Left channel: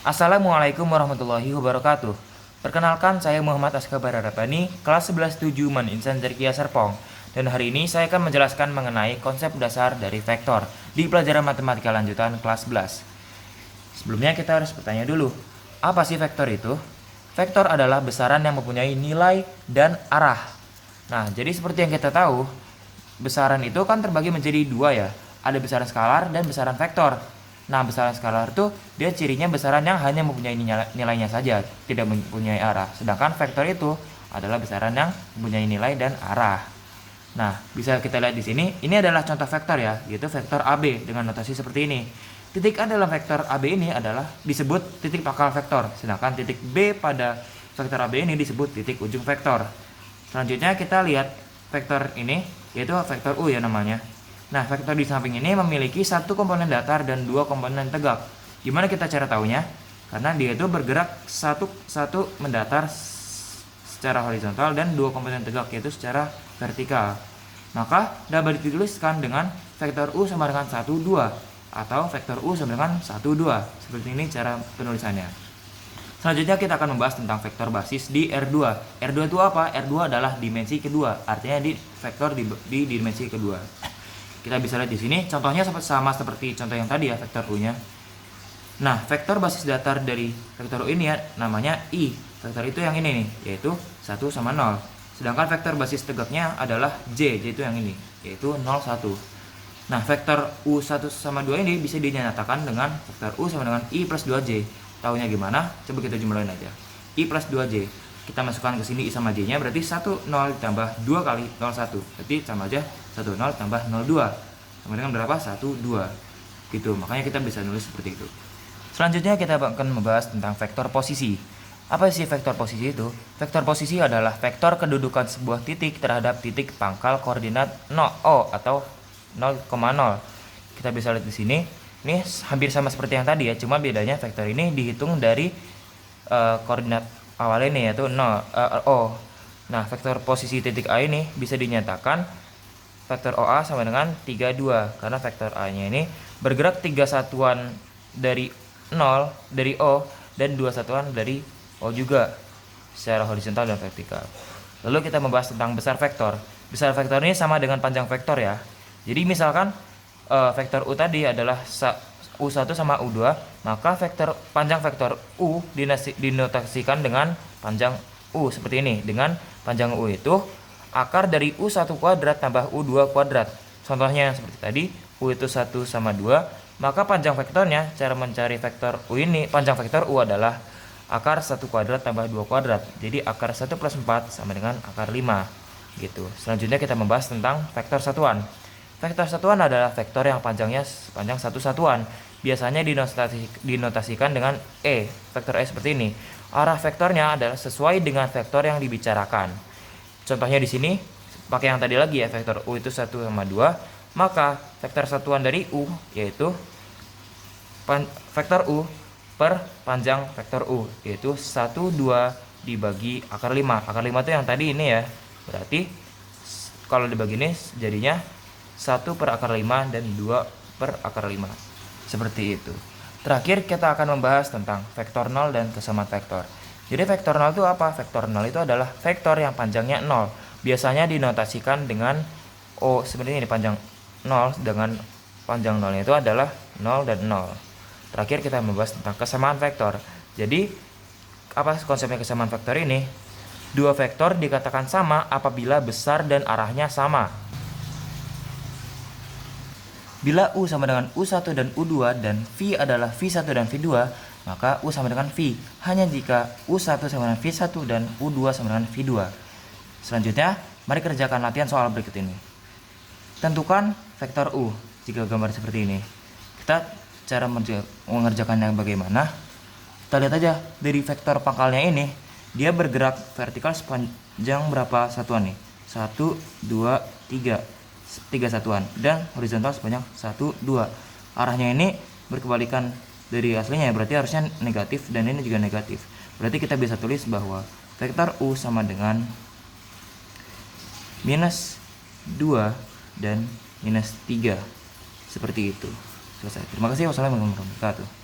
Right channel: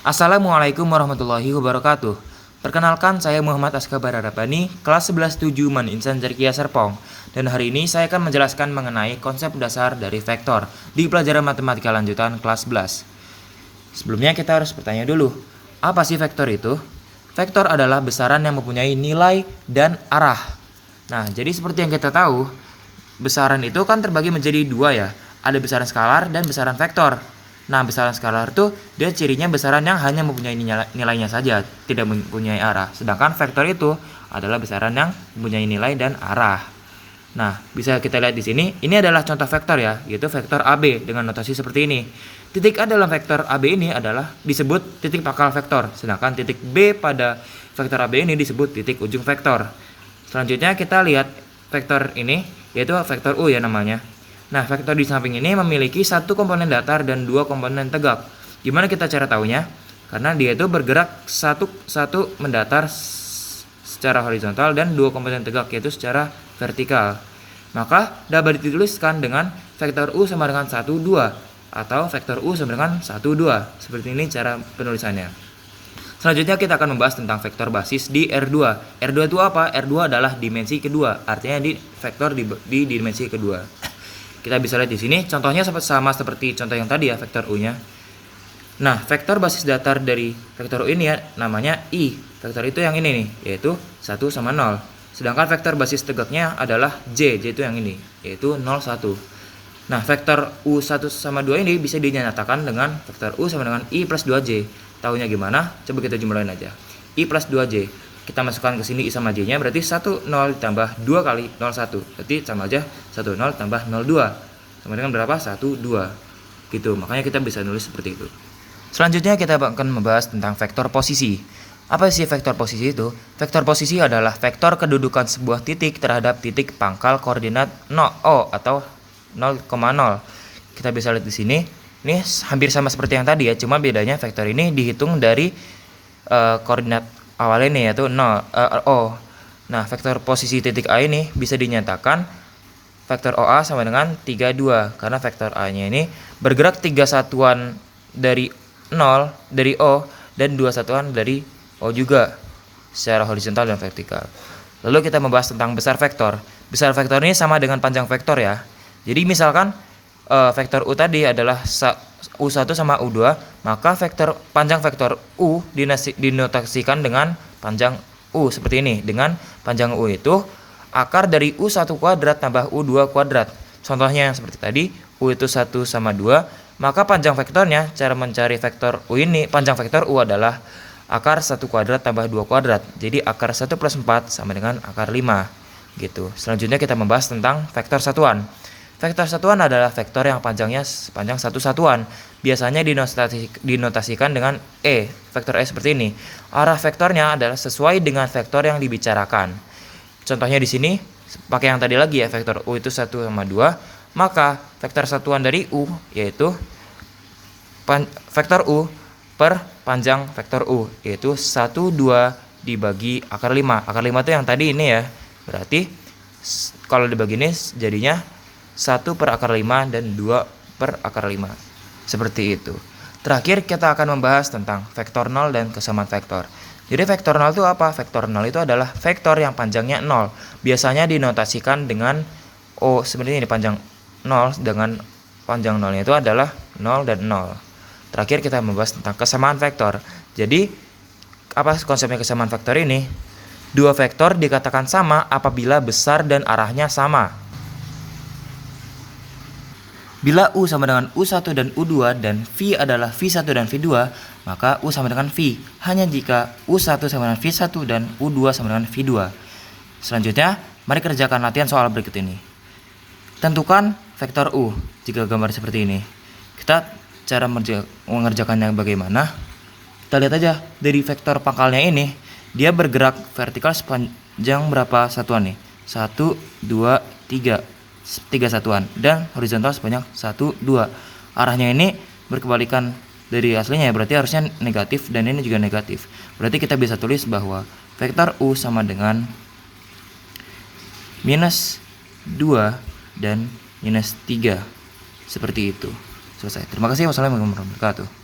Assalamualaikum warahmatullahi wabarakatuh. Perkenalkan, saya Muhammad Askabar Arabani, kelas 11-7 Man Insan Zarkia Serpong. Dan hari ini saya akan menjelaskan mengenai konsep dasar dari vektor di pelajaran matematika lanjutan kelas 11. Sebelumnya kita harus bertanya dulu, apa sih vektor itu? Vektor adalah besaran yang mempunyai nilai dan arah. Nah, jadi seperti yang kita tahu, besaran itu kan terbagi menjadi dua ya. Ada besaran skalar dan besaran vektor. Nah, besaran skalar itu dia cirinya besaran yang hanya mempunyai nilainya saja, tidak mempunyai arah. Sedangkan vektor itu adalah besaran yang mempunyai nilai dan arah. Nah, bisa kita lihat di sini, ini adalah contoh vektor ya, yaitu vektor AB dengan notasi seperti ini. Titik A dalam vektor AB ini adalah disebut titik pangkal vektor, sedangkan titik B pada vektor AB ini disebut titik ujung vektor. Selanjutnya kita lihat vektor ini, yaitu vektor U ya namanya. Nah, vektor di samping ini memiliki satu komponen datar dan dua komponen tegak. Gimana kita cara tahunya? Karena dia itu bergerak satu mendatar secara horizontal dan dua komponen tegak yaitu secara vertikal. Maka dapat dituliskan dengan vektor U sama dengan 1, 2 atau vektor U sama dengan 1, 2. Seperti ini cara penulisannya. Selanjutnya kita akan membahas tentang vektor basis di R2. R2 itu apa? R2 adalah dimensi kedua, artinya di vektor di dimensi kedua. Kita bisa lihat di sini, contohnya sama seperti contoh yang tadi ya, vektor U-nya. Nah, vektor basis datar dari vektor U ini ya, namanya I. Vektor itu yang ini nih, yaitu 1 sama 0. Sedangkan vektor basis tegaknya adalah J, yaitu yang ini, yaitu 0, 1. Nah, vektor U1 sama 2 ini bisa dinyatakan dengan vektor U sama dengan I plus 2J. Tahunya gimana? Coba kita jumlahin aja. I plus 2J. Kita masukkan ke sini I sama J nya berarti 1 0 ditambah 2 kali 0 1. Berarti sama aja 1 0 tambah 0 2. Sama dengan berapa? 1 2. Gitu. Makanya kita bisa nulis seperti itu. Selanjutnya kita akan membahas tentang vektor posisi. Apa sih vektor posisi itu? Vektor posisi adalah vektor kedudukan sebuah titik terhadap titik pangkal koordinat 0 atau 0,0. Kita bisa lihat di sini. Ini hampir sama seperti yang tadi ya, cuma bedanya vektor ini dihitung dari koordinat awal ini yaitu 0, O. Nah, vektor posisi titik A ini bisa dinyatakan vektor OA sama dengan 3, 2. Karena vektor A-nya ini bergerak 3 satuan dari 0, dari O, dan 2 satuan dari O juga secara horizontal dan vertikal. Lalu kita membahas tentang besar vektor. Besar vektor ini sama dengan panjang vektor ya. Jadi misalkan vektor U tadi adalah U1 sama U2, maka panjang vektor U dinotasikan dengan panjang U seperti ini. Dengan panjang U itu akar dari U1 kuadrat tambah U2 kuadrat. Contohnya yang seperti tadi, U itu 1 sama 2, maka panjang vektornya, cara mencari vektor U ini, panjang vektor U adalah akar 1 kuadrat tambah 2 kuadrat. Jadi akar 1 plus 4 sama dengan akar 5 gitu. Selanjutnya kita membahas tentang vektor satuan. Vektor satuan adalah vektor yang panjangnya sepanjang satu satuan. Biasanya dinotasikan dengan E. Vektor E seperti ini. Arah vektornya adalah sesuai dengan vektor yang dibicarakan. Contohnya di sini, pakai yang tadi lagi ya, vektor U itu 1 sama 2. Maka vektor satuan dari U yaitu vektor U per panjang vektor U, yaitu 1, 2 dibagi akar 5. Akar 5 itu yang tadi ini ya. Berarti kalau dibagi ini jadinya 1 per akar 5 dan 2 per akar 5. Seperti itu. Terakhir kita akan membahas tentang vektor 0 dan kesamaan vektor. Jadi vektor 0 itu apa? Vektor 0 itu adalah vektor yang panjangnya 0. Biasanya dinotasikan dengan O seperti ini, panjang 0 dengan panjang 0 itu adalah 0 dan 0. Terakhir kita membahas tentang kesamaan vektor. Jadi apa konsepnya kesamaan vektor ini? Dua vektor dikatakan sama apabila besar dan arahnya sama. Bila U sama dengan U1 dan U2 dan V adalah V1 dan V2, maka U sama dengan V. Hanya jika U1 sama dengan V1 dan U2 sama dengan V2. Selanjutnya, mari kerjakan latihan soal berikut ini. Tentukan vektor U jika gambar seperti ini. Kita cara mengerjakannya bagaimana? Kita lihat aja dari vektor pangkalnya ini, dia bergerak vertikal sepanjang berapa satuan nih? 1, 2, 3. 3 satuan dan horizontal sebanyak 1, 2. Arahnya ini berkebalikan dari aslinya, berarti harusnya negatif dan ini juga negatif. Berarti kita bisa tulis bahwa vektor U sama dengan minus 2 dan minus 3. Seperti itu. Selesai. Terima kasih. Wassalamualaikum warahmatullahi wabarakatuh.